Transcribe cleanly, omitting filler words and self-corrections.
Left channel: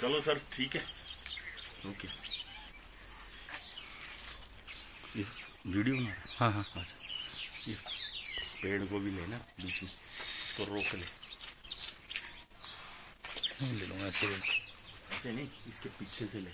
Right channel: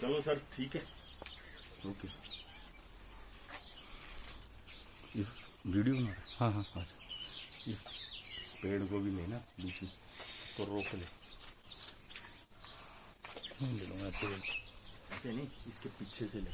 चलो सर ठीक है, ओके। इस वीडियो में हाँ हाँ इस पेड़ को भी लेना बीच में, इसको रोक ले। नहीं ले लूँगा ऐसे ही। ऐसे नहीं, इसके पीछे से ले।